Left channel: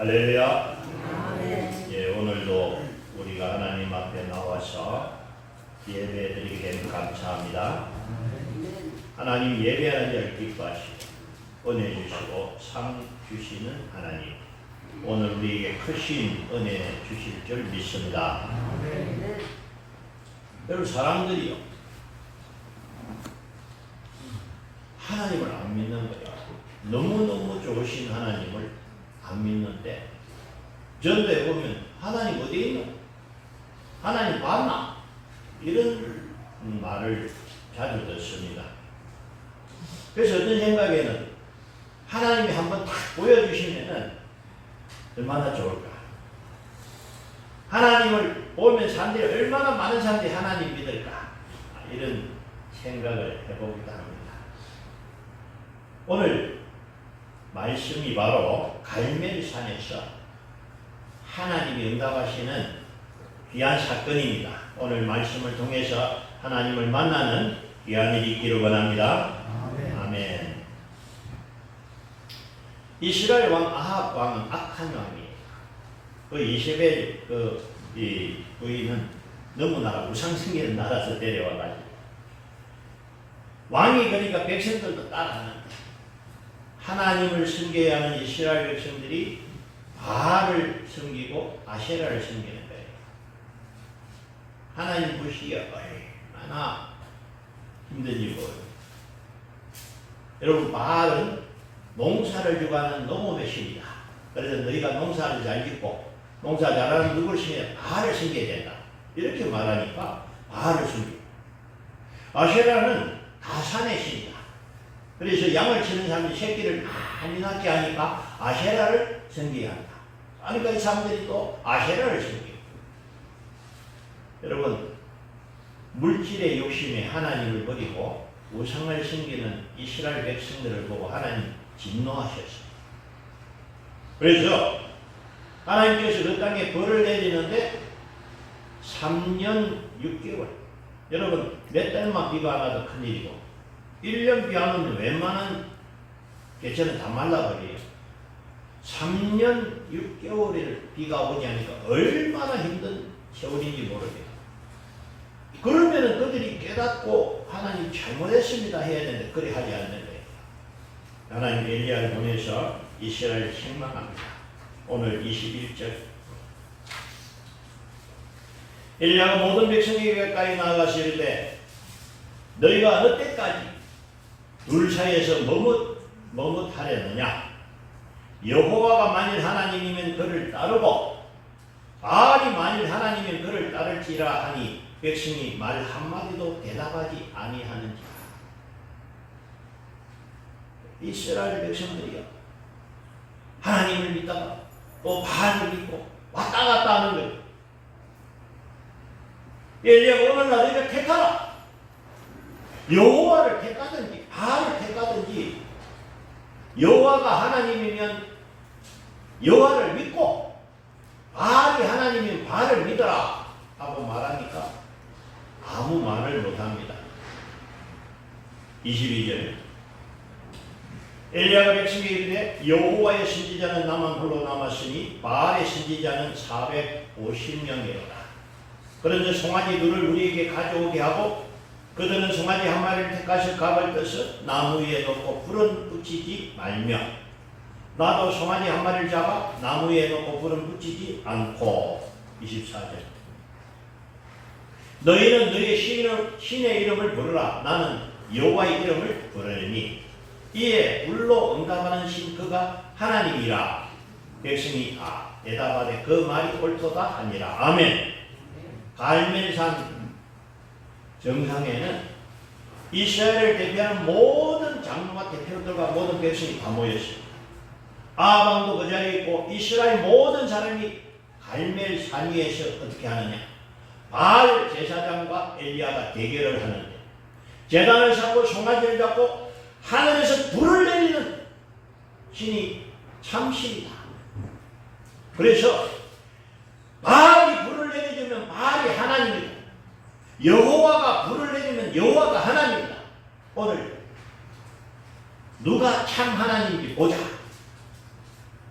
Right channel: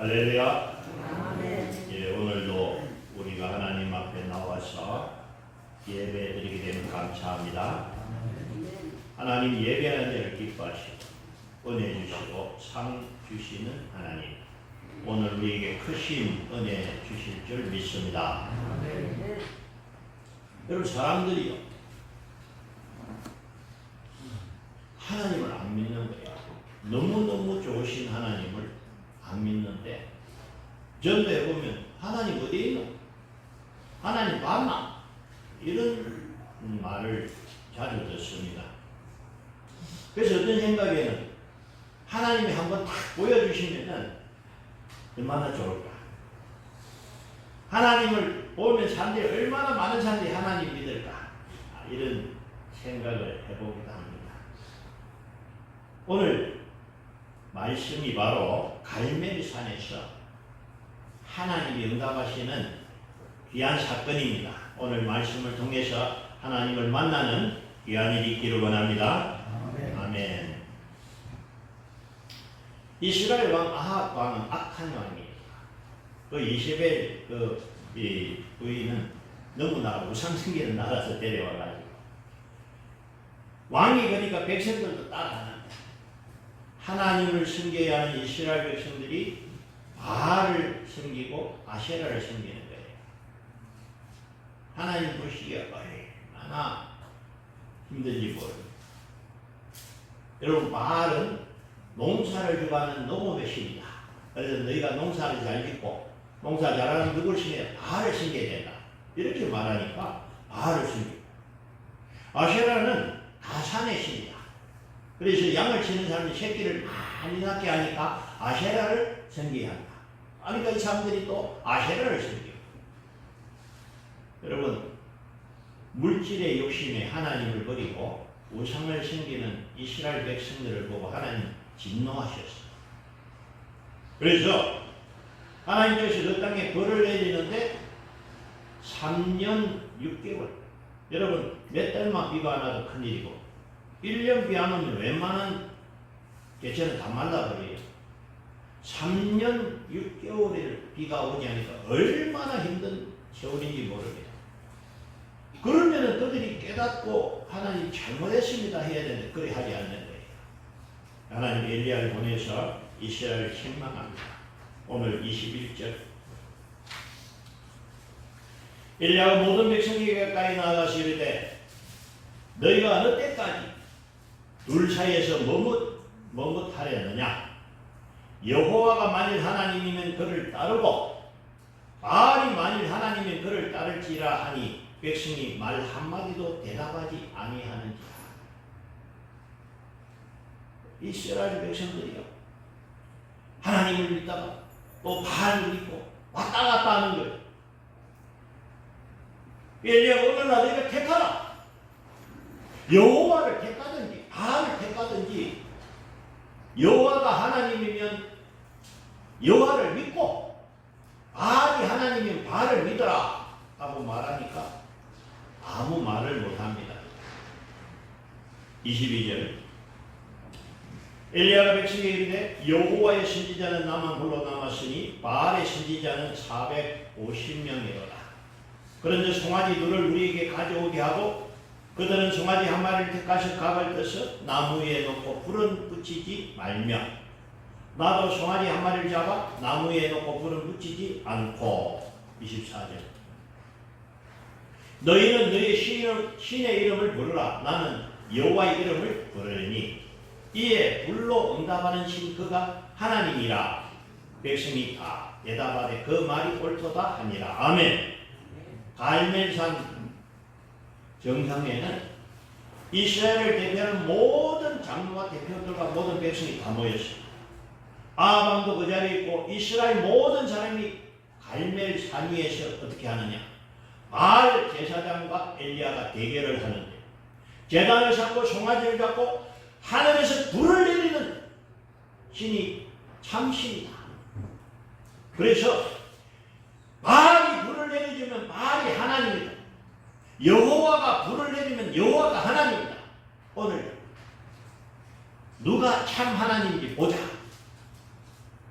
할렐루야. 아멘. 예, 오늘도 우리가 하나님 앞에 나와서 예배드리게 됨 감사합니다. 하나님 예배하는 자를 기뻐하시고 은혜 주시고 상 주시는 하나님, 오늘 우리에게 크신 은혜 주실 줄 믿습니다. 여러분, 사람들이요, 하나님을 안 믿는 거예요. 너무너무 좋으신 하나님을 안 믿는데, 전도해 보면 하나님 어디에 있노? 하나님 봤나? 이런 말을 자주 듣습니다. 그래서 어떤 생각에는 하나님이 한번 딱 보여주시면은 얼마나 좋을까? 하나님을 보면 사람들이 얼마나 많은 사람들이 하나님 믿을까? 이런 생각을 해보기도 합니다. 오늘 말씀이 바로 갈멜산에서 하나님이 응답하시는 귀한 사건입니다. 오늘 말씀을 통해서 하나님을 만나는 귀한 일이 있기를 원합니다. 아멘. 이스라엘 왕 아합 왕은 악한 왕이에요. 그 이세벨 이 부인은 너무나 우상숭배를 나라서 데려와가지고 왕이 그러니까 백성들도 따라하는데, 하나님을 섬겨야 하는 이스라엘 백성들이 바알을 섬기고 아세라를 섬기는 거예요. 하나님 보시기에 얼마나 힘든지 모르겠어요. 여러분, 바알은 농사를 주관하는 농업의 신이다. 그래서 너희가 농사를 잘 짓고 농사 잘하는 누구를 섬겨야 바알을 섬겨야 된다. 이렇게 말하니까 바알을 섬기고, 아세라는 가산의 신이다. 그래서 양을 치는 사람이 새끼를 많이 낳게 하니까 아세라를 섬겨야 한다. 그러니까 이 사람들이 또 아세라를 섬기고. 여러분, 물질의 욕심에 하나님을 버리고 우상을 섬기는 이스라엘 백성들을 보고 하나님 진노하셨습니다. 그래서 하나님께서 그 땅에 벌을 내리는데 3년 6개월. 여러분, 몇 달만 비가 안 와도 큰일이고 1년 비 안 오면 웬만한 개천은 다 말라버려요. 3년 6개월을 비가 오지 않으니까 얼마나 힘든 세월인지 모르겠어요. 그러면은 그들이 깨닫고 하나님 잘못했습니다 해야 되는데 그리 하지 않는 거예요. 하나님 엘리야를 통해서 이스라엘을 책망합니다. 오늘 21절. 엘리야가 모든 백성에게 가까이 나아가서 이르되 너희가 어느 때까지 둘 사이에서 머뭇하려느냐? 여호와가 만일 하나님이면 그를 따르고 바알이 만일 하나님이면 그를 따를지라 하니 백성이 말 한마디도 대답하지 아니하는지라. 이스라엘 백성들이요, 하나님을 믿다가 또 바알을 믿고 왔다 갔다 하는 거예요. 엘리야가 오늘 너희가 택하라. 여호와를 택하든지 바알을 택하든지, 여호와가 하나님이면 여호와를 믿고 바알이 하나님이면 바알을 믿어라 하고 말하니까 아무 말을 못합니다. 22절. 엘리야가 백성에게 이르되 여호와의 선지자는 나만 홀로 남았으니 바알의 선지자는 450명이로다. 그런즉 송아지 둘을 우리에게 가져오게 하고 그들은 송아지 한 마리를 택하여 각을 떠서 나무 위에 놓고 불은 붙이지 말며 나도 송아지 한 마리를 잡아 나무 위에 놓고 불은 붙이지 않고. 24절. 너희는 너희 신의 이름을 부르라. 나는 여호와의 이름을 부르리니 이에 불로 응답하는 신 그가 하나님이라. 백성이 대답하되 그 말이 옳도다 하니라. 아멘. 갈멜산 정상에는 이스라엘을 대표하는 모든 장로와 대표들과 모든 백성이 다 모였습니다. 아합왕도 그 자리에 있고 이스라엘 모든 사람이 갈멜산 위에서 어떻게 하느냐? 바알 제사장과 엘리야가 대결을 하는데, 제단을 삼고 송아지를 잡고 하늘에서 불을 내리는 신이 참신이다. 그래서 바알이 불을 내려주면 바알이 하나님이다. 여호와가 불을 내리면 여호와가 하나님이다. 오늘 누가 참 하나님인지 보자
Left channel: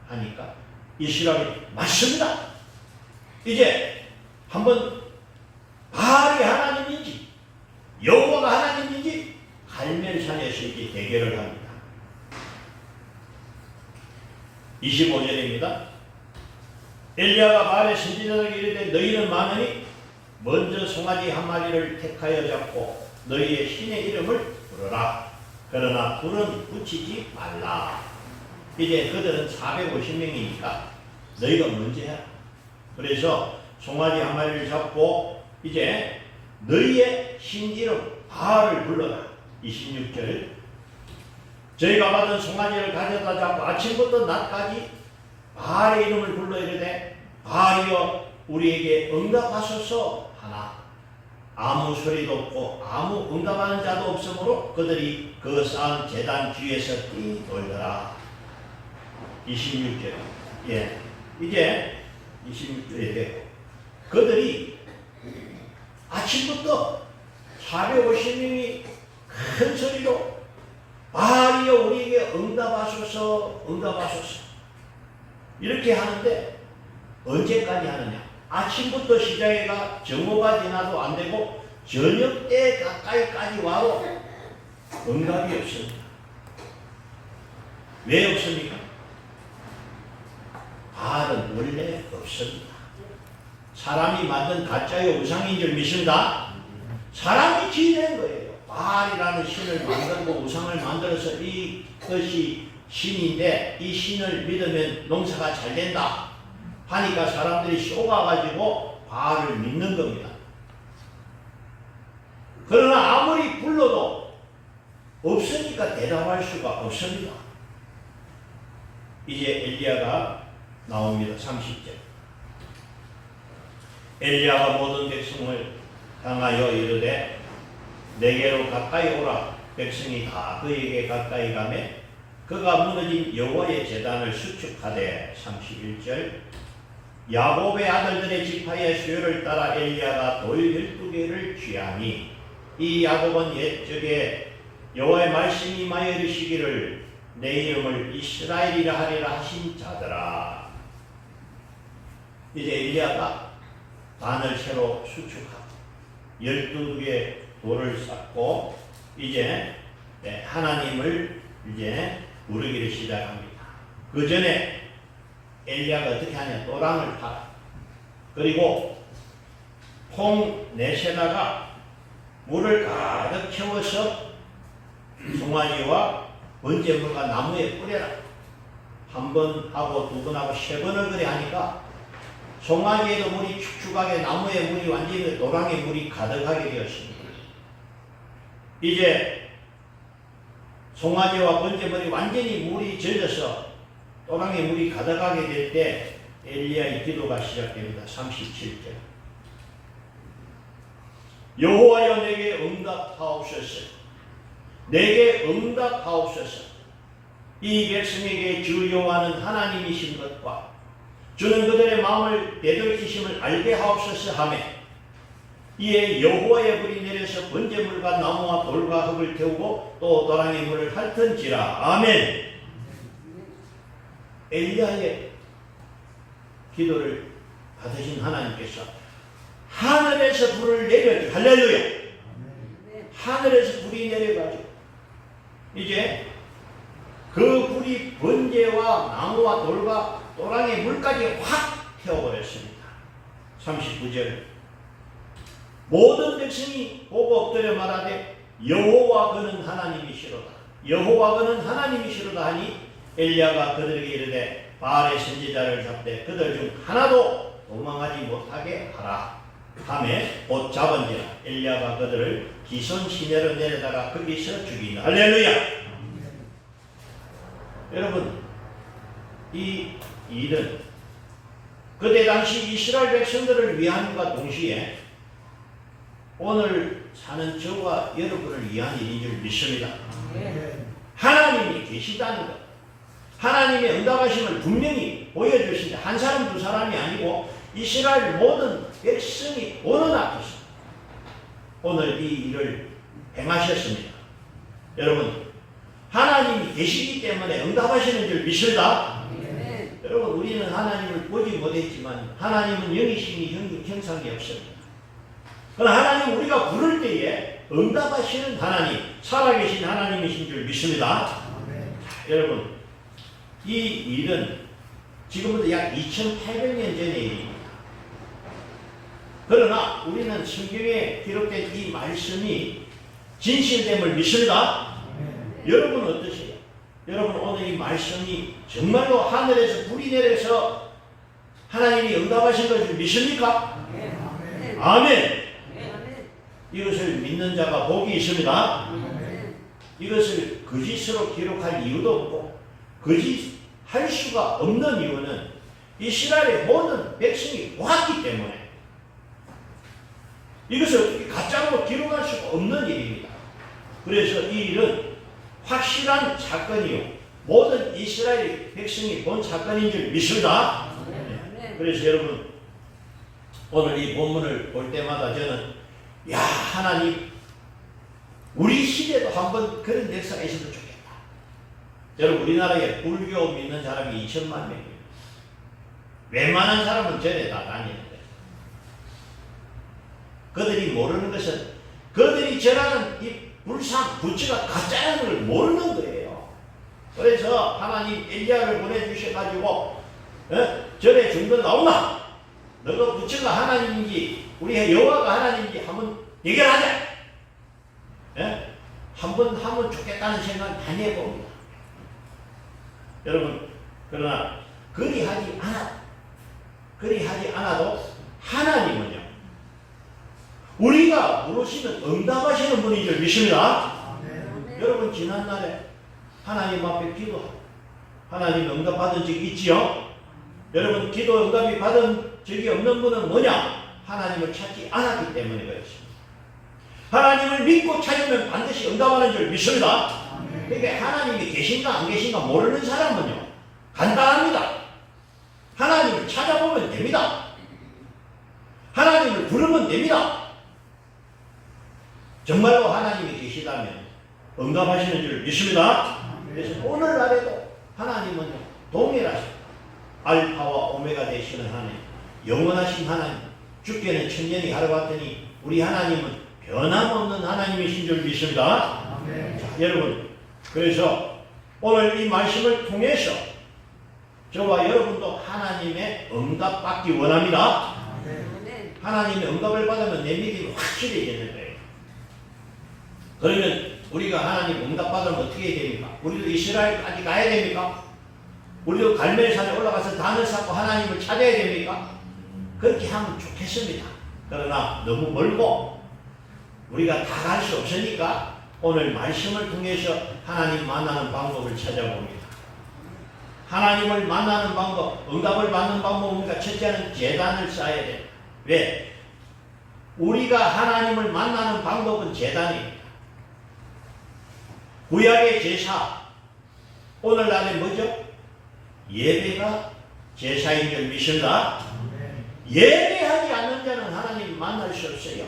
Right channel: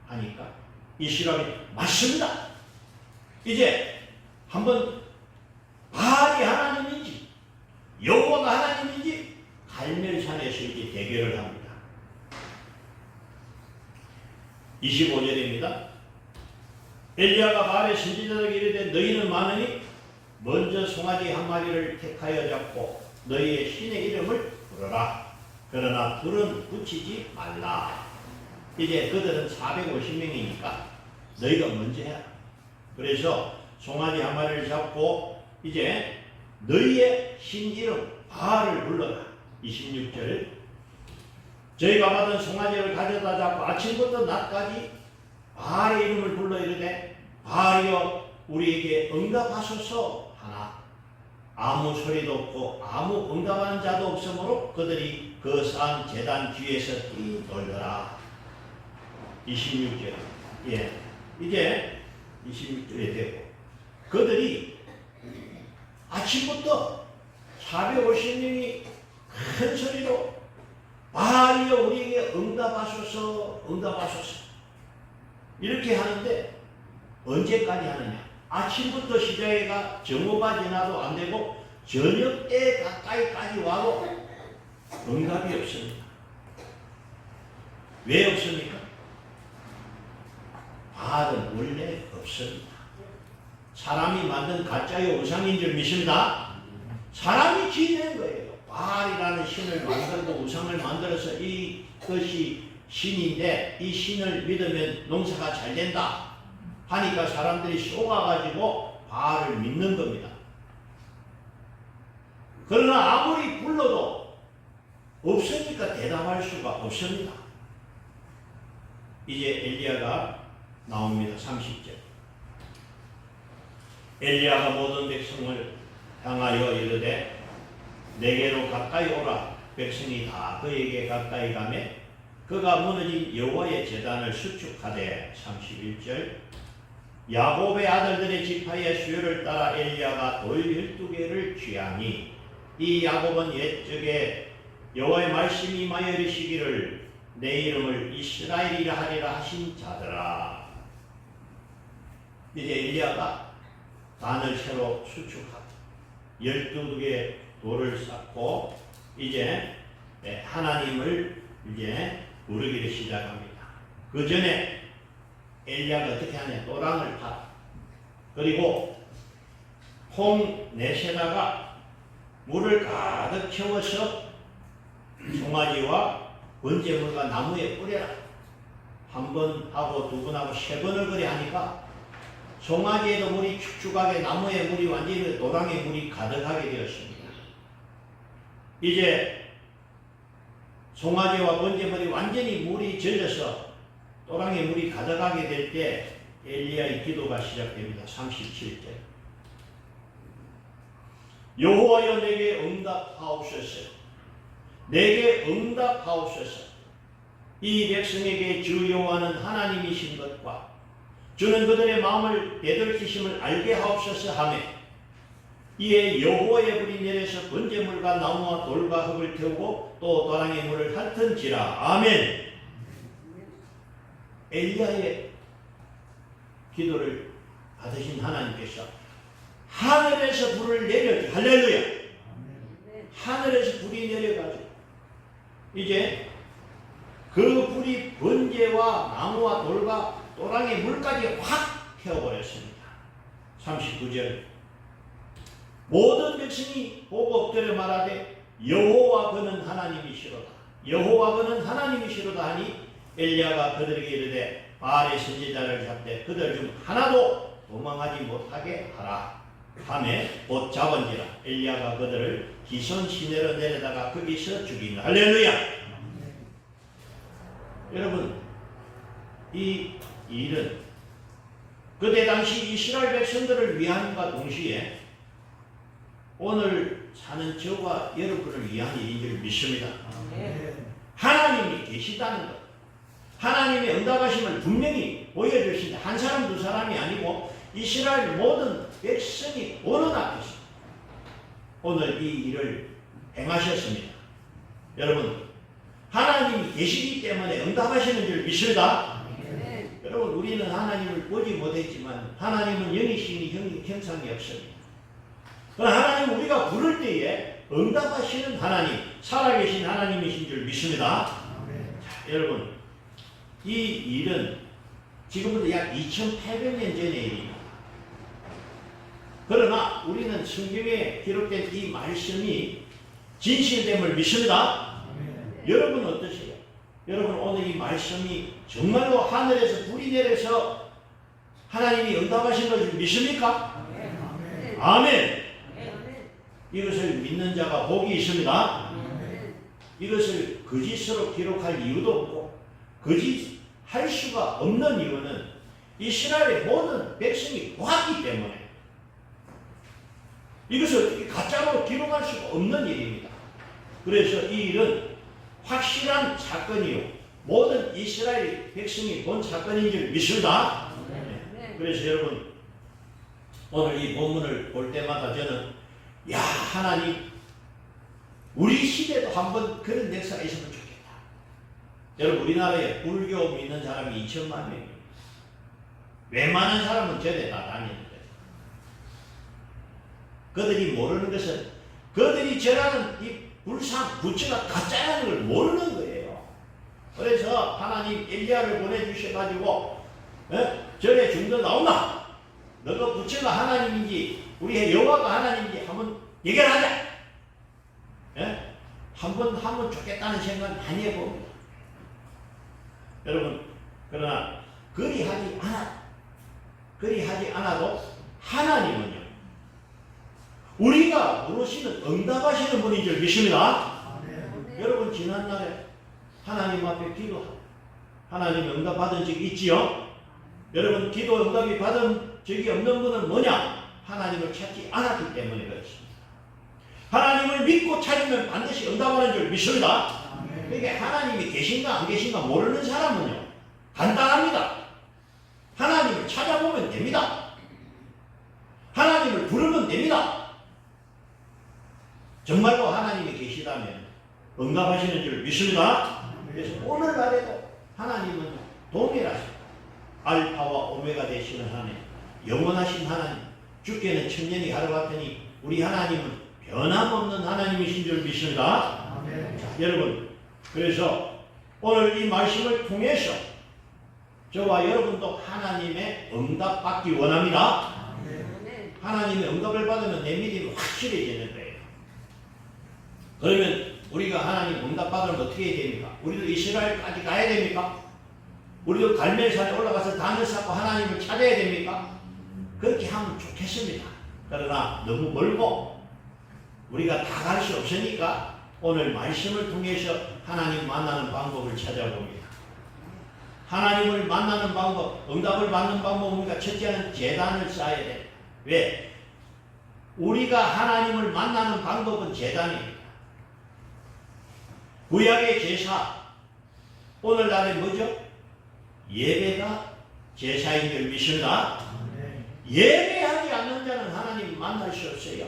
하니까 이스라엘이 맞습니다. 이제 한번 바알이 하나님인지 여호와가 하나님인지 갈멜산에서 이제 대결을 합니다. 25절입니다. 엘리야가 바알의 선지자들에게 이르되 너희는 많으니 먼저 송아지 한 마리를 택하여 잡고 너희의 신의 이름을 부르라. 그러나 불은 붙이지 말라. 이제 그들은 450명이니까 너희가 먼저 해라. 그래서 송아지 한 마리를 잡고 이제 너희의 신 이름 바알을 불러라. 26절 저희가 받은 송아지를 가져다 잡고 아침부터 낮까지 바알의 이름을 불러 이르되 바알이여 우리에게 응답하소서 하나 아무 소리도 없고 아무 응답하는 자도 없으므로 그들이 그 산 제단 뒤에서 뛰놀더라. 26절 이제 26절에 되고 그들이 아침부터 450명이 큰 소리로 바알이여 우리에게 응답하소서 응답하소서 이렇게 하는데 언제까지 하느냐? 아침부터 시작해가 정오가 지나도 안 되고 저녁 때 가까이까지 와도 응답이 없습니다. 왜 없습니까? 바알은 원래 없습니다. 사람이 만든 가짜의 우상인 줄 믿습니다. 사람이 지은 거예요. 바알이라는 신을 만들고 우상을 만들어서 이것이 신인데 이 신을 믿으면 농사가 잘 된다 하니까 사람들이 속아가지고 바알을 믿는 겁니다. 그러나 아무리 불러도 없으니까 대답할 수가 없습니다. 이제 엘리야가 나옵니다. 30절 엘리야가 모든 백성을 향하여 이르되 내게로 가까이 오라. 백성이 다 그에게 가까이 가매 그가 무너진 여호와의 제단을 수축하되 31절 야곱의 아들들의 지파의 수요를 따라 엘리야가 돌 12개를 취하니 이 야곱은 옛적에 여호와의 말씀이 임하여 이르시기를 내 이름을 이스라엘이라 하리라 하신 자더라. 이제 엘리야가 단을 새로 수축하고 12개의 돌을 쌓고 이제 하나님을 이제 부르기를 시작합니다. 그 전에 엘리야가 어떻게 하냐? 또랑을 팔아. 그리고 통 내세다가 물을 가득 채워서 송아지와 번제물과 나무에 뿌려라. 한 번 하고 두 번 하고 세 번을 그래 하니까 송아지에도 물이 축축하게 나무에 물이 완전히 또랑에 물이 가득하게 되었습니다. 이제 송아지와 번제물이 완전히 물이 젖어서 또랑에 물이 가득하게 될 때 엘리야의 기도가 시작됩니다. 37절 여호와여 내게 응답하옵소서. 내게 응답하옵소서. 이 백성에게 주 여호와는 하나님이신 것과 주는 그들의 마음을 되돌리심을 알게 하옵소서 하며 이에 여호와의 불이 내려서 번제물과 나무와 돌과 흙을 태우고 또 또랑의 물을 핥은지라. 아멘. 엘리야의 기도를 받으신 하나님께서 하늘에서 불을 내려줘. 할렐루야. 하늘에서 불이 내려가지고 이제 그 불이 번제와 나무와 돌과 또랑의 물까지 확 태워버렸습니다. 39절 모든 백성이 보고 엎드려 말하되 여호와 그는 하나님이시로다. 여호와 그는 하나님이시로다 하니 엘리야가 그들에게 이르되 바알의 선지자를 잡되 그들 중 하나도 도망하지 못하게 하라 하매 곧 잡은지라. 엘리야가 그들을 기손 시내로 내려다가 거기서 죽이나. 할렐루야. 여러분 이 일은 그때 당시 이스라엘 백성들을 위함과 동시에 오늘 사는 저와 여러분을 위한 일인 줄 믿습니다. 하나님이 계시다는 것, 하나님의 응답하심을 분명히 보여주신다. 한 사람 두 사람이 아니고 이스라엘 모든 백성이 보는 앞에서 오늘 이 일을 행하셨습니다. 여러분 하나님이 계시기 때문에 응답하시는 줄 믿습니다. 여러분 우리는 하나님을 보지 못했지만 하나님은 영이시니 형상이 없습니다. 그러나 하나님 우리가 부를 때에 응답하시는 하나님, 살아계신 하나님이신 줄 믿습니다. 자, 여러분 이 일은 지금부터 약 2800년 전의 일입니다. 그러나 우리는 성경에 기록된 이 말씀이 진실됨을 믿습니다. 여러분 어떠세요? 여러분 오늘 이 말씀이 정말로 하늘에서 불이 내려서 하나님이 응답하신 것을 믿습니까? 아멘. 이것을 믿는 자가 복이 있습니다. 이것을 거짓으로 기록할 이유도 없고 거짓할 수가 없는 이유는 이스라엘의 모든 백성이 보았기 때문에 이것을 어떻게 가짜로 기록할 수가 없는 일입니다. 그래서 이 일은 확실한 사건이요 모든 이스라엘 백성이 본 사건인 줄 믿습니다. 그래서 여러분 오늘 이 본문을 볼 때마다 저는 야 하나님 우리 시대도 한번 그런 역사가 있으면 좋겠다. 여러분 우리나라에 불교 믿는 사람이 2천만 명입니다. 웬만한 사람은 절에 다 다니는데 그들이 모르는 것은 그들이 절하는 이 불상 부처가 가짜라는 걸 모르는 거예요. 그래서 하나님 엘리야를 보내주셔가지고 절에 중도 나오나 너가 부처가 하나님인지 우리의 여호와가 하나님인지 한번 대결하자. 한번 하면 좋겠다는 생각 많이 해봅니다. 여러분 그러나 그리하지 않아도 하나님은요 우리가 물으시면 응답하시는 분인 줄 믿습니다. 여러분 지난날에 하나님 앞에 기도하고 하나님 응답 받은 적이 있지요? 여러분 기도 응답이 받은 적이 없는 분은 뭐냐? 하나님을 찾지 않았기 때문에 그렇습니다. 하나님을 믿고 찾으면 반드시 응답하는 줄 믿습니다. 그러니까 하나님이 계신가 안 계신가 모르는 사람은요 간단합니다. 하나님을 찾아보면 됩니다. 하나님을 부르면 됩니다. 정말로 하나님이 계시다면 응답하시는 줄 믿습니다. 그래서 오늘날에도 하나님은요 동일하십니다. 알파와 오메가 되시는 하나님, 영원하신 하나님, 주께는 천년이 하루 같으니 우리 하나님은 변함없는 하나님이신 줄 믿습니다. 자, 여러분 그래서 오늘 이 말씀을 통해서 저와 여러분도 하나님의 응답 받기 원합니다. 하나님의 응답을 받으면 내 믿음이 확실해지는 거예요. 그러면 우리가 하나님 응답 받으면 어떻게 해야 됩니까? 우리도 이스라엘까지 가야 됩니까? 우리도 갈멜산에 올라가서 단을 쌓고 하나님을 찾아야 됩니까? 그렇게 하면 좋겠습니다. 그러나 너무 멀고 우리가 다 갈 수 없으니까 오늘 말씀을 통해서 하나님 만나는 방법을 찾아봅니다. 하나님을 만나는 방법, 응답을 받는 방법입니다. 첫째는 제단을 쌓아야 돼요. 왜? 우리가 하나님을 만나는 방법은 제단입니다. 구약의 제사, 오늘날에 뭐죠? 예배가 제사인 줄 믿습니다. 예배하지 않는 자는 하나님 만날 수 없어요.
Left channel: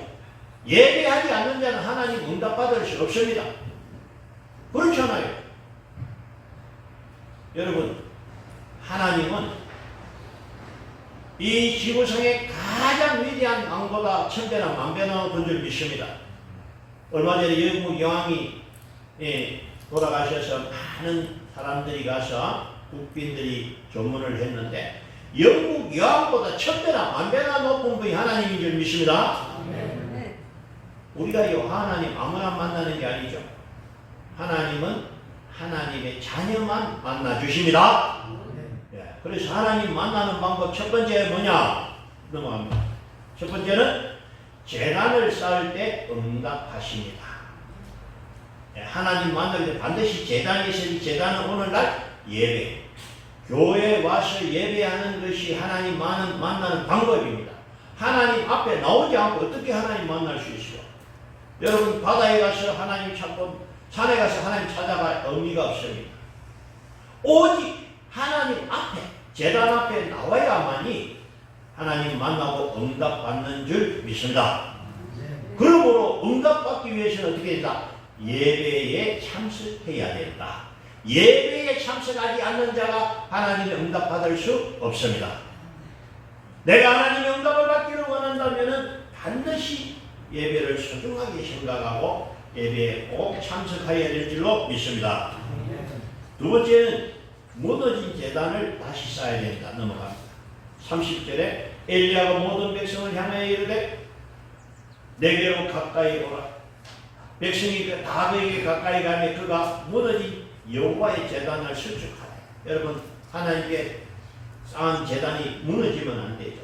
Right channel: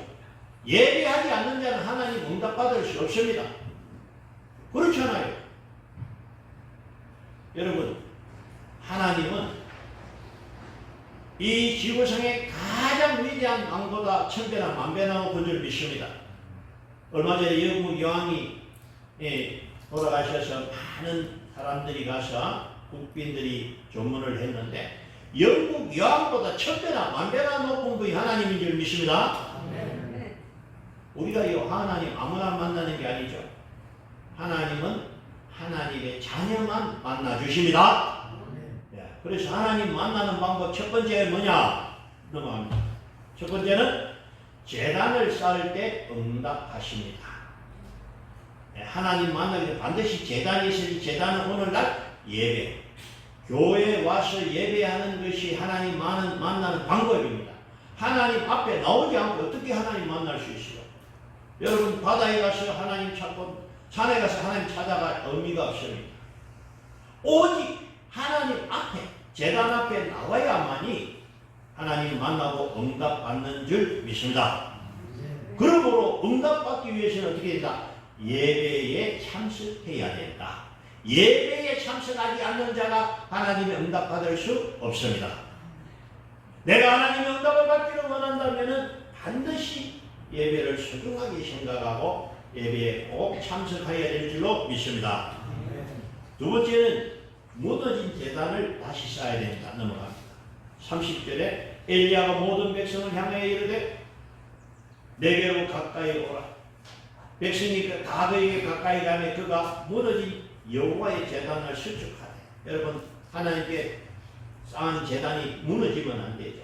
예배하지 않는 자는 하나님 응답받을 수 없습니다. 그렇잖아요. 여러분 하나님은 이 지구상의 가장 위대한 왕보다 천배나 만배나 본 줄 믿습니다. 얼마 전에 영국 여왕이 돌아가셔서 많은 사람들이 가서 국빈들이 조문을 했는데 영국 여왕보다 천배나 만배나 높은 분이 하나님인 줄 믿습니다. 우리가 이 하나님 아무나 만나는 게 아니죠. 하나님은 하나님의 자녀만 만나 주십니다. 그래서 하나님 만나는 방법 첫 번째 뭐냐? 넘어갑니다. 첫 번째는 제단을 쌓을 때 응답하십니다. 하나님 만날 때 반드시 제단이 있으니 제단은 오늘날 예배. 교회에 와서 예배하는 것이 하나님 만나는 방법입니다. 하나님 앞에 나오지 않고 어떻게 하나님 만날 수 있어요? 여러분 바다에 가서 하나님 찾고 산에 가서 하나님 찾아갈 의미가 없습니다. 오직 하나님 앞에 제단 앞에 나와야만이 하나님 만나고 응답받는 줄 믿습니다. 그러므로 응답받기 위해서는 어떻게 된다? 예배에 참석해야 된다. 예배에 참석하지 않는 자가 하나님의 응답받을 수 없습니다. 내가 하나님의 응답을 받기를 원한다면 반드시 예배를 소중하게 생각하고 예배에 꼭 참석하여야 될 줄로 믿습니다. 두 번째는 무너진 제단을 다시 쌓아야 된다. 넘어갑니다. 30절에 엘리야가 모든 백성을 향하여 이르되 내게로 가까이 오라. 백성이 다 그에게 가까이 가매 그가 무너진 여호와의 제단을 수축하네. 여러분, 하나님께 쌓은 제단이 무너지면 안 되죠.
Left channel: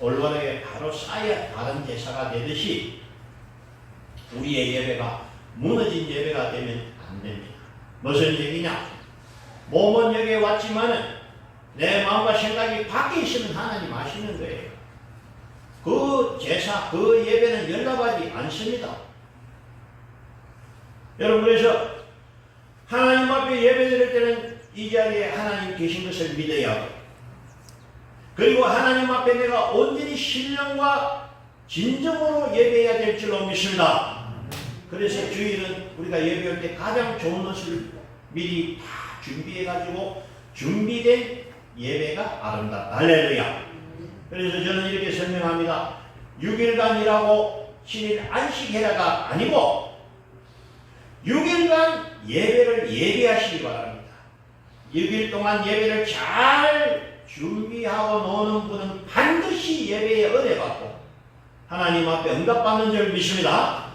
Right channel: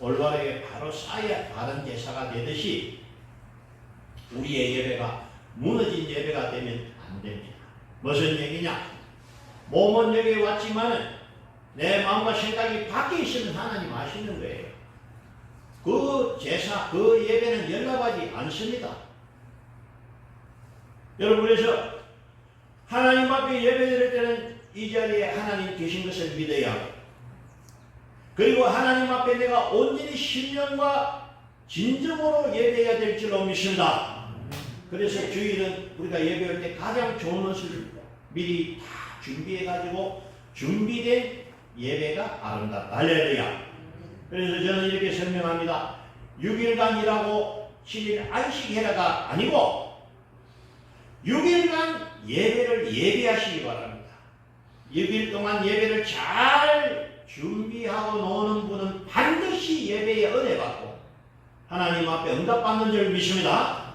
올바르게 바로 쌓아야 다른 제사가 되듯이 우리의 예배가 무너진 예배가 되면 안 됩니다. 무슨 얘기냐? 몸은 여기에 왔지만 내 마음과 생각이 밖에 있으면 하나님 아시는 거예요. 그 제사, 그 예배는 연락하지 않습니다. 여러분, 그래서 하나님 앞에 예배드릴 때는 이 자리에 하나님 계신 것을 믿어야 하고, 그리고 하나님 앞에 내가 온전히 신령과 진정으로 예배해야 될 줄로 믿습니다. 그래서 주일은 우리가 예배할 때 가장 좋은 것을 미리 다 준비해가지고 준비된 예배가 아름답다. 할렐루야. 그래서 저는 이렇게 설명합니다. 6일간 일하고 7일 안식해라가 아니고 6일간 예배를 예배하시기 바랍니다. 6일 동안 예배를 잘 준비하고 노는 분은 반드시 예배에 은혜받고 하나님 앞에 응답받는 줄 믿습니다.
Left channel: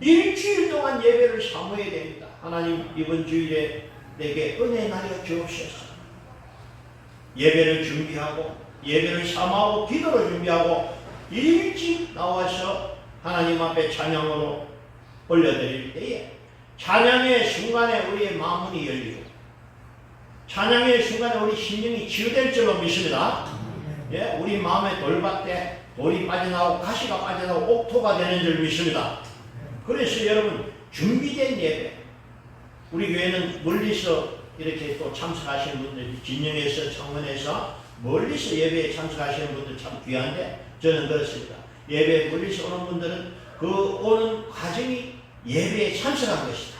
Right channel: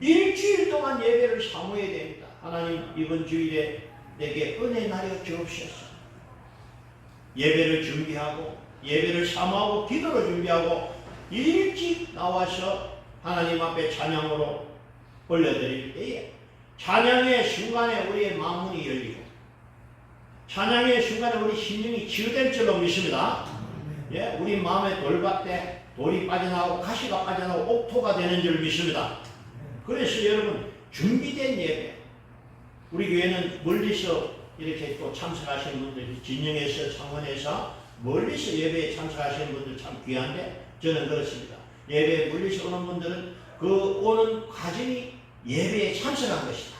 일주일 동안 예배를 사모해야 됩니다. 하나님, 이번 주일에 내게 은혜 나려 주옵소서. 예배를 준비하고 예배를 사모하고 기도를 준비하고 일찍 나와서 하나님 앞에 찬양으로 올려드릴 때에 찬양의 순간에 우리의 마음이 열리고 찬양의 순간에 우리 심령이 치유될 줄로 믿습니다. 예, 우리 마음에 돌밭에 돌이 빠져나오고 가시가 빠져나오고 옥토가 되는 줄 믿습니다. 그래서 여러분, 준비된 예배, 우리 교회는 멀리서 이렇게 또 참석하시는 분들이 진영에서 청원에서 멀리서 예배에 참석하시는 분들 참 귀한데 저는 그렇습니다. 예배에 멀리서 오는 분들은 그 오는 과정이 예배에 참석한 것이다.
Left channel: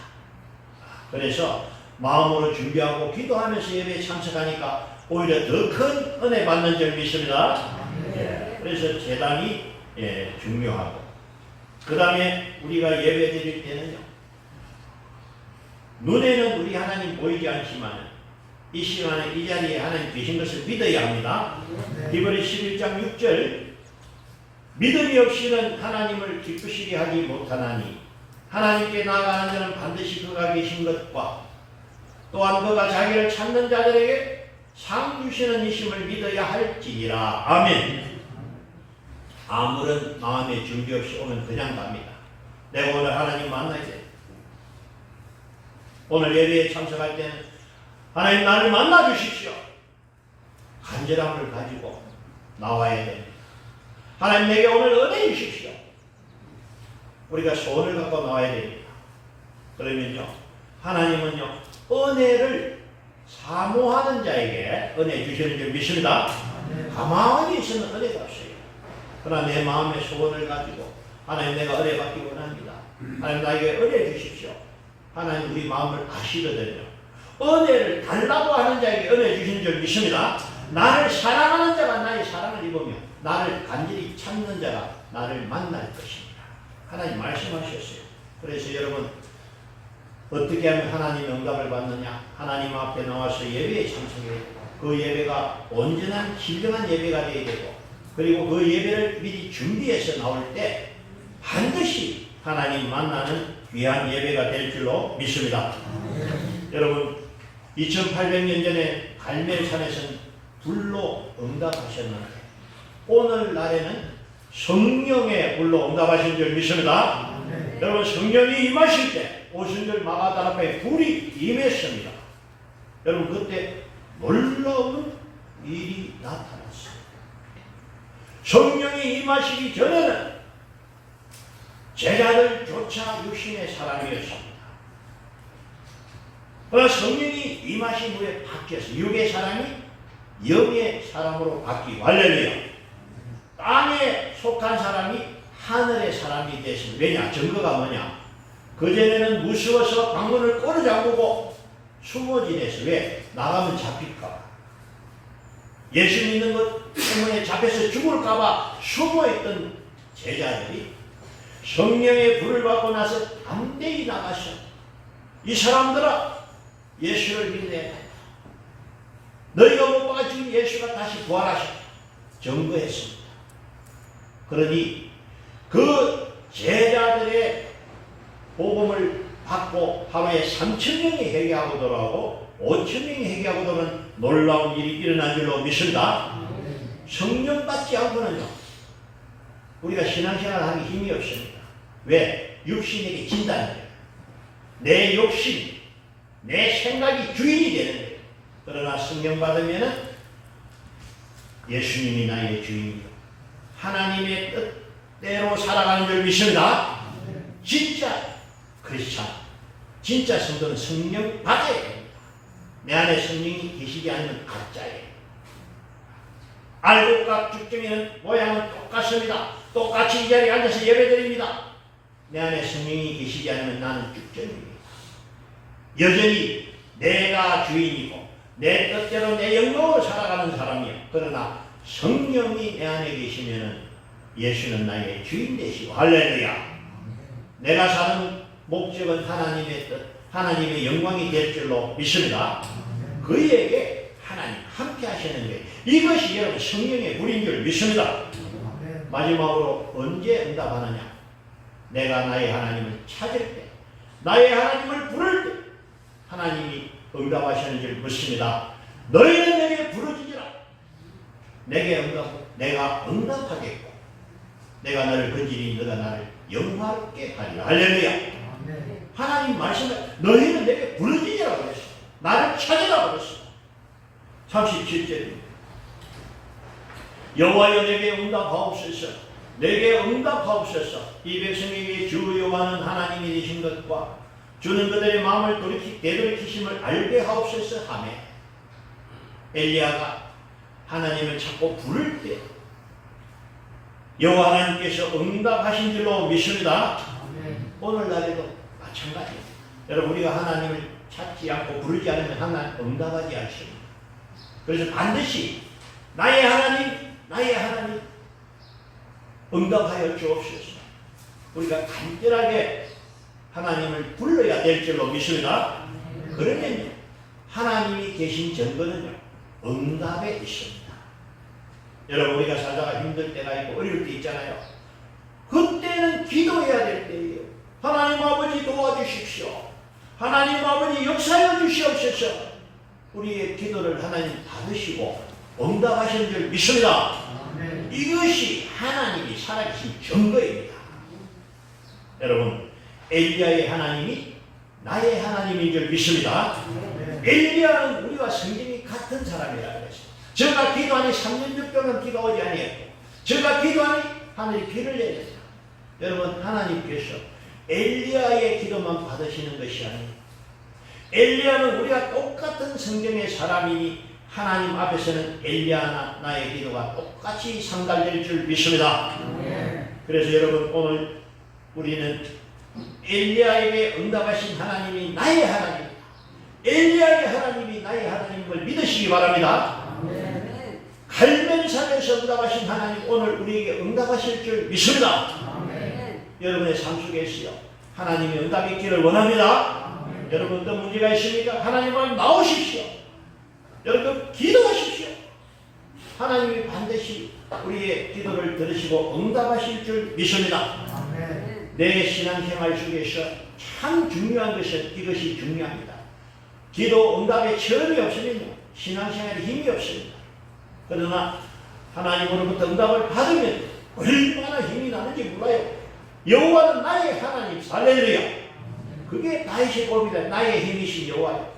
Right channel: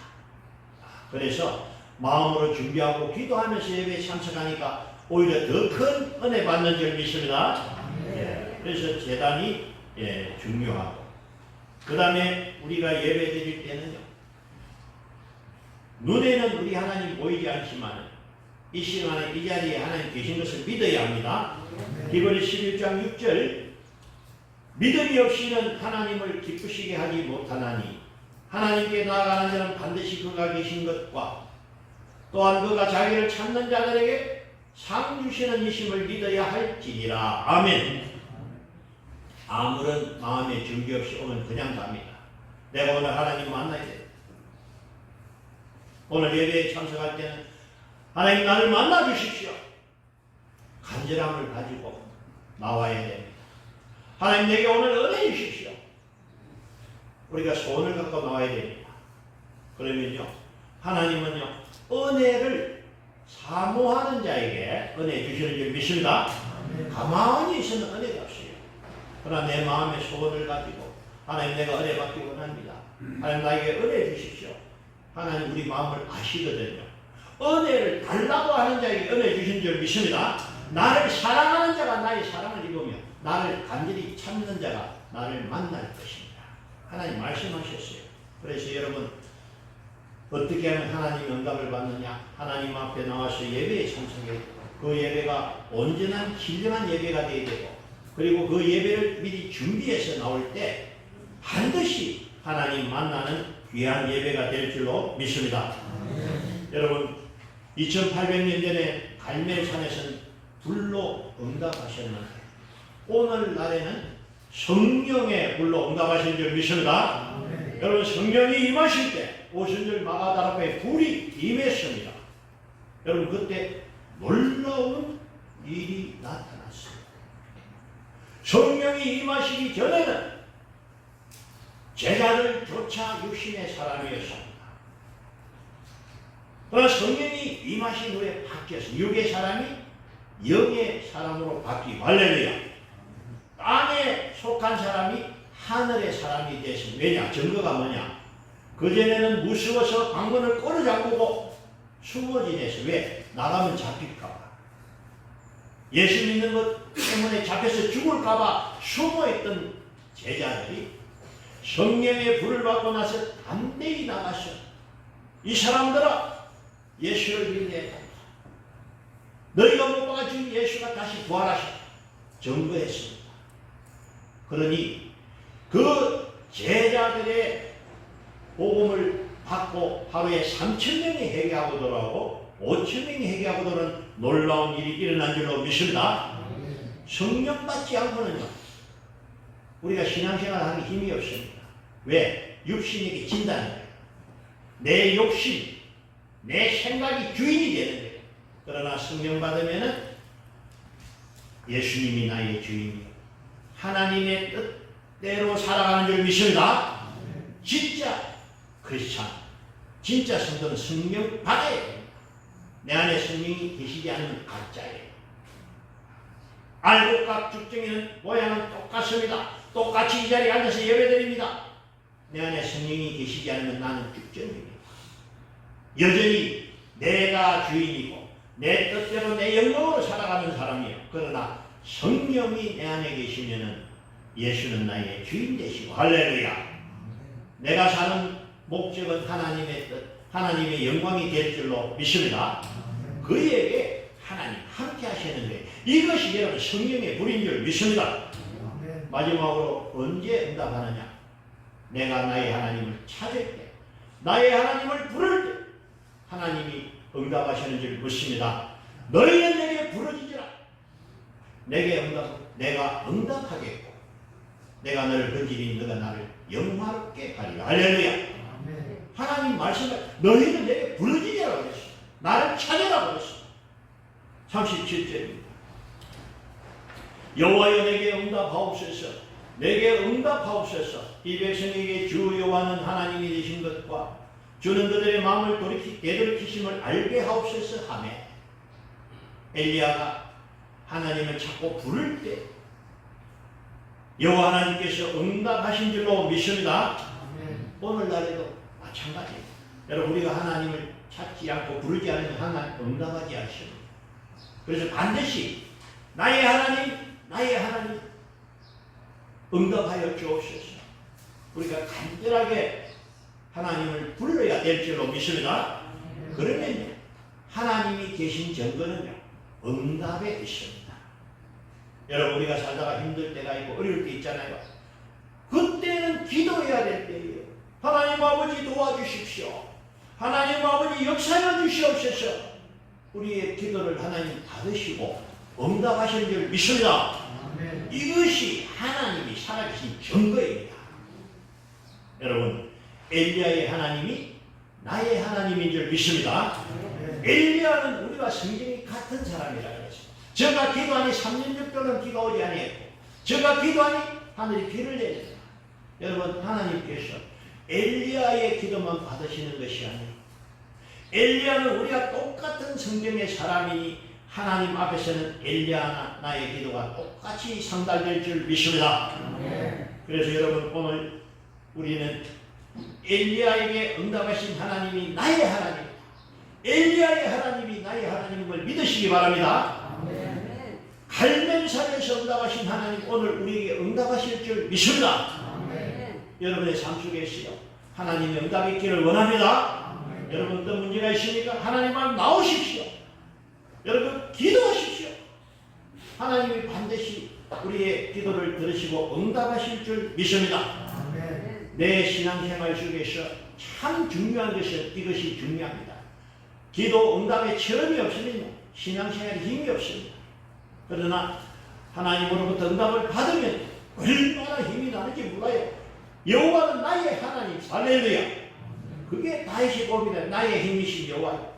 그래서 마음으로 준비하고 기도하면서 예배에 참석하니까 오히려 더 큰 은혜 받는 줄 믿습니다. 예, 그래서 제단이 중요하고, 그 다음에 우리가 예배 드릴 때는요, 눈에는 우리 하나님 보이지 않지만 이 시간에 이 자리에 하나님 계신 것을 믿어야 합니다. 디브리 11장 6절, 믿음이 없이는 하나님을 기쁘시게 하지 못하나니 하나님께 나아가는 자는 반드시 그가 계신 것과 또한 그가 자기를 찾는 자들에게 상 주시는 이심을 믿어야 할지니라. 아멘. 아무런 마음의 준비 없이 오면 그냥 갑니다. 내가 오늘 하나님 만나야 돼. 오늘 예배에 참석할 때는 하나님 나를 만나 주십시오. 간절함을 가지고 나와야 됩니다. 하나님 내게 오늘 은혜 주십시오. 우리가 소원을 갖고 나와야 됩니다. 그러면요, 하나님은요, 은혜를 사모하는 자에게 은혜 주시는 줄 믿습니다. 가만히 있으면 은혜가 없어요. 그러나 내 마음의 소원을 가지고 하나님 내가 은혜 받기 원합니다. 하나님 나에게 은혜 주십시오. 하나님 우리 마음을 아시거든요. 은혜를 달라고 하는 자에게 은혜 주시는 줄 믿습니다. 나를 사랑하는 자가 나의 사랑을 입으며 나를 간절히 찾는 자가 나를 만날 것입니다. 하나님 말씀하셨어요. 그래서 여러분, 어떻게 하면 하나님의 응답을 받느냐? 하나님 앞에 나와서 예배에 참석해 그 예배가 온전한 진정한 예배가 되어야 되고, 그리고 그 예배를 미리 준비해서 나올 때 반드시 하나님 만나는 귀한 예배가 될 줄로 믿습니다. 여러분, 2800년 전에 갈멜산에서는 불로 응답하셨는데 오늘날에는 성령의 불로 응답하신 줄 믿습니다. 여러분, 성령이 임하실 때 오순절 마가다 앞에 불이 임했습니다. 여러분, 그때 놀라운 일이 나타났습니다. 성령이 임하시기 전에는 제자들조차 육신의 사람이었습니다. 그러나 성령이 임하신 후에 바뀌어서 육의 사람이 영의 사람으로 바뀌고, 할렐루야. 땅에 속한 사람이 하늘의 사람이 됐습니다. 왜냐? 증거가 뭐냐? 그전에는 무서워서 방문을 꼬르 잠그고 숨어 지내서. 왜? 나가면 잡힐까봐. 예수 믿는 것 때문에 잡혀서 죽을까봐 숨어있던 제자들이 성령의 불을 받고 나서 담대히 나가서 이 사람들아 예수를 믿어야 된다. 너희가 못 봐준 예수가 다시 부활하셨다. 증거했습니다. 그러니 그 제자들의 복음을 받고 하루에 3,000명이 회개하고 돌아오고 5,000명이 회개하고 돌아오는 놀라운 일이 일어난 줄로 믿습니다. 성령 받지 않고는요, 우리가 신앙생활 하기 힘이 없습니다. 왜? 육신에게 진다는 거예요. 내 욕심, 내 생각이 주인이 되는 거예요. 그러나 성령 받으면은 예수님이 나의 주인이요, 하나님의 뜻대로 살아가는 줄 믿습니다. 진짜 크리스찬, 진짜 성도는 성령 받아야 됩니다. 내 안에 성령이 계시지 않으면 가짜예요. 알곡과 죽정이는 모양은 똑같습니다. 똑같이 이 자리에 앉아서 예배드립니다. 내 안에 성령이 계시지 않으면 나는 죽정입니다. 여전히 내가 주인이고 내 뜻대로 내 영광으로 살아가는 사람이에요. 그러나 성령이 내 안에 계시면은 예수는 나의 주인 되시고, 할렐루야. 내가 사는 목적은 하나님의 뜻, 하나님의 영광이 될 줄로 믿습니다. 그에게 하나님 함께 하시는 게 이것이 여러분 성령의 불인 줄 믿습니다. 마지막으로 언제 응답하느냐? 내가 나의 하나님을 찾을 때, 나의 하나님을 부를 때 하나님이 응답하시는 줄 믿습니다. 너희는 내게 부르짖으라. 내가 응답하겠고 내가 너를 건지니 너가 나를 영화롭게 하리라. 할렐루야. 하나님 말씀에 너희는 내게 부르짖으라고 그랬어. 나를 찾으라고 그랬어. 37절입니다. 여호와여 내게 응답하옵소서. 내게 응답하옵소서. 이 백성에게 주 여호와는 하나님이 되신 것과 주는 그들의 마음을 되돌이키심을 알게 하옵소서 하며, 엘리야가 하나님을 찾고 부를 때 여호와 하나님께서 응답하신 줄로 믿습니다. 오늘날에도 마찬가지입니다. 여러분, 우리가 하나님을 찾지 않고 부르지 않으면 하나님 응답하지 않습니다. 그래서 반드시 나의 하나님 응답하여 주옵소서. 우리가 간절하게 하나님을 불러야 될 줄로 믿습니다. 그러면 하나님이 계신 증거는요, 응답에 있습니다. 여러분, 우리가 살다가 힘들 때가 있고 어려울 때 있잖아요. 그때는 기도해야 될 때예요. 하나님 아버지 도와주십시오. 하나님 아버지 역사해 주시옵소서. 우리의 기도를 하나님 받으시고 응답하시는 줄 믿습니다. 이것이 하나님이 살아계신 증거입니다. 여러분, 엘리야의 하나님이 나의 하나님인 줄 믿습니다. 엘리야는 우리와 성경이 같은 사람이라고 했습니다. 저가 기도하니 3년 6개월은 비가 오지 아니했고, 저가 기도하니 하늘이 비를 내렸다. 여러분, 하나님께서 엘리야의 기도만 받으시는 것이 아니에요. 엘리야는 우리가 똑같은 성경의 사람이니 하나님 앞에서는 엘리야나 나의 기도가 똑같이 상달될 줄 믿습니다. 그래서 여러분, 오늘 우리는 엘리야에게 응답하신 하나님이 나의 하나님입니다. 엘리야의 하나님이 나의 하나님을 믿으시기 바랍니다. 갈멜산에서 응답하신 하나님 오늘 우리에게 응답하실 줄 믿습니다. 여러분의 삶 속에서요, 하나님의 응답이 있기를 원합니다. 여러분, 어떤 문제가 있습니까? 하나님 앞에 나오십시오. 여러분, 기도하십시오. 하나님이 반드시 우리의 기도를 들으시고 응답하실 줄 믿습니다. 내 신앙생활 속에서 참 중요한 것은 이것이 중요합니다. 기도 응답에 체험이 없으면 신앙생활에 힘이 없습니다. 그러나 하나님으로부터 응답을 받으면 얼마나 힘이 나는지 몰라요. 여호와는 나의 하나님, 할렐루야. 그게 다윗의 법이다. 나의 힘이신 여호와요.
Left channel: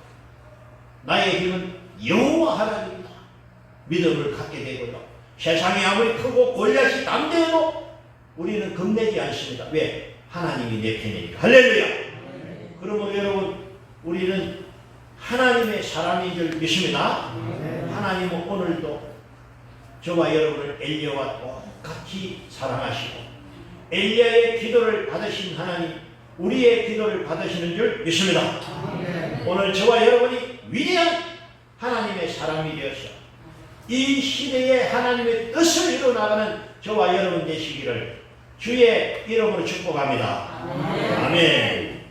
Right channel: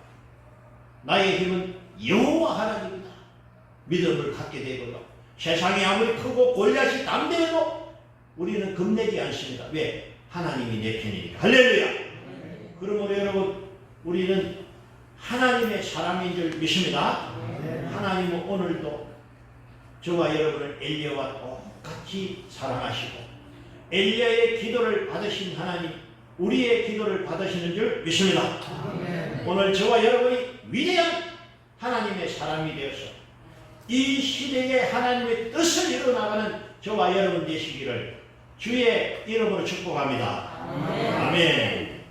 나의 힘은 여호와 하나님이다. 믿음을 갖게 되거든. 세상이 아무리 크고 골리앗이 담대해도 우리는 겁내지 않습니다. 왜? 하나님이 내 편이니까. 할렐루야. 그러면 여러분, 우리는 하나님의 사람인 줄 믿습니다. 하나님은 오늘도 저와 여러분을 엘리야와 똑같이 사랑하시고 엘리야의 기도를 받으신 하나님, 우리의 기도를 받으시는 줄 믿습니다. 오늘 저와 여러분이 위대한 하나님의 사람이 되어서 이 시대에 하나님의 뜻을 이루어나가는 저와 여러분 되시기를 주의 이름으로 축복합니다. 아멘.